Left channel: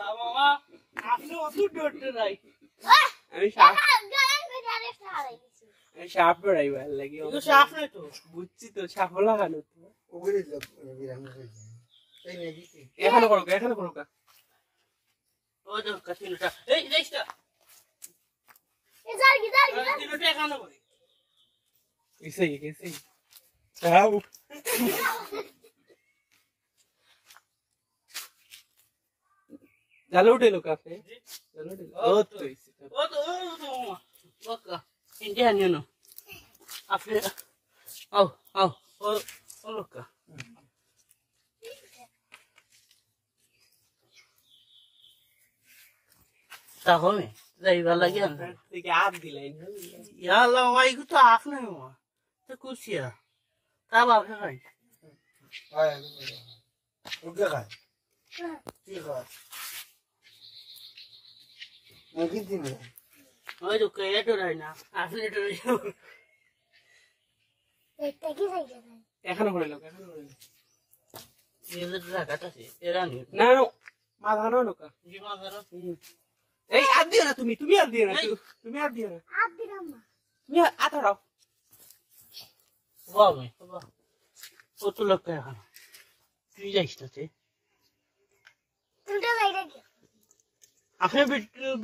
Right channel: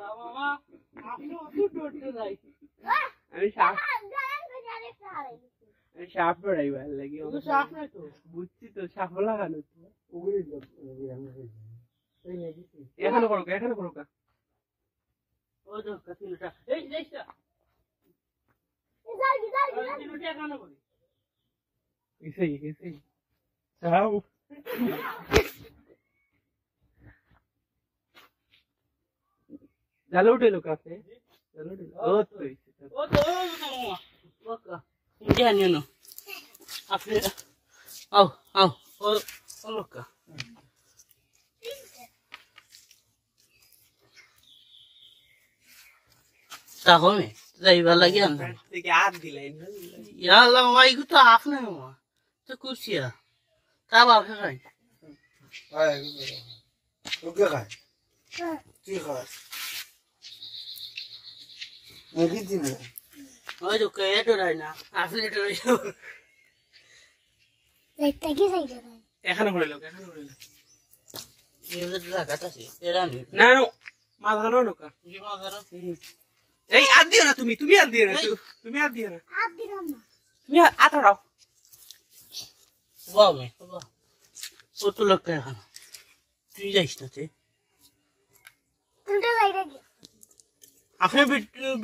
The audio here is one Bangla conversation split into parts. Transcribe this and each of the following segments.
মামা আপনি অত ডরতে নাই আমি সাপ পড়াই ভালো লাগে সাপ নাই তো বুঝছি তো সাপ লাগানো তো ওগুলি এই নেদি এখানে করো ওই তো কাটিনটা এই দেইছটা তিনটা এখানে করি এসে চাও জালে উঠে লোক আছে জালে উঠে ও তো মামা বাকা ইন্ডিয়ান ইউনো আপনি আও ও লোকা তাহলে যাইবার লাগে না থেকে হাত দিলেন ইয়াল্লা মামা ইগু তো আফ না মামা তো কুছিয়া তা বাপে খাই ওকে খায় তুই খাস নেদি দিন ওই তো কে ডরাই না আপনি ডরাই এখানে করে লোক এদের লাগাত আছে এরা নি না মাথা না লোক জি মাদার এই হাত দিও না তুমি হাত দিও না তুমি হাত দিও না তুমি হাত দাও বাবা বাবা ও তো লোক এখন তুই যাইস না তে আপনি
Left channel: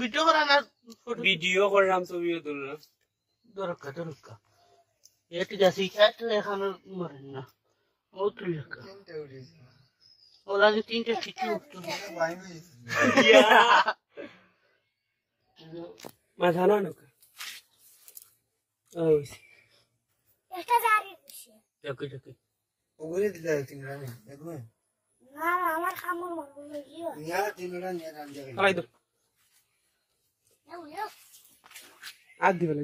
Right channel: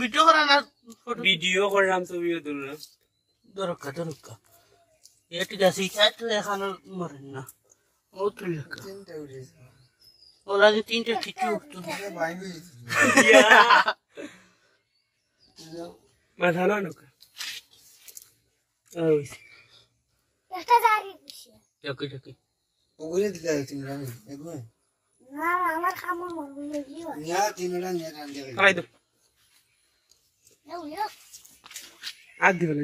ভিডিও করেন না ভিডিও করলাম ছবিও তুললাম দরকার এটি গাছি কাটলে এখন মরেন না ও তুই তিনটা উঠেছে ওরা তিনটা কিছু বাইরে মাথা না লোক ওই দেখি ওগুলি দিতে হচ্ছিল আমি দেখুন নিয়া তিনটা নিয়ে রান্ধে খাই দাও হাত দিও না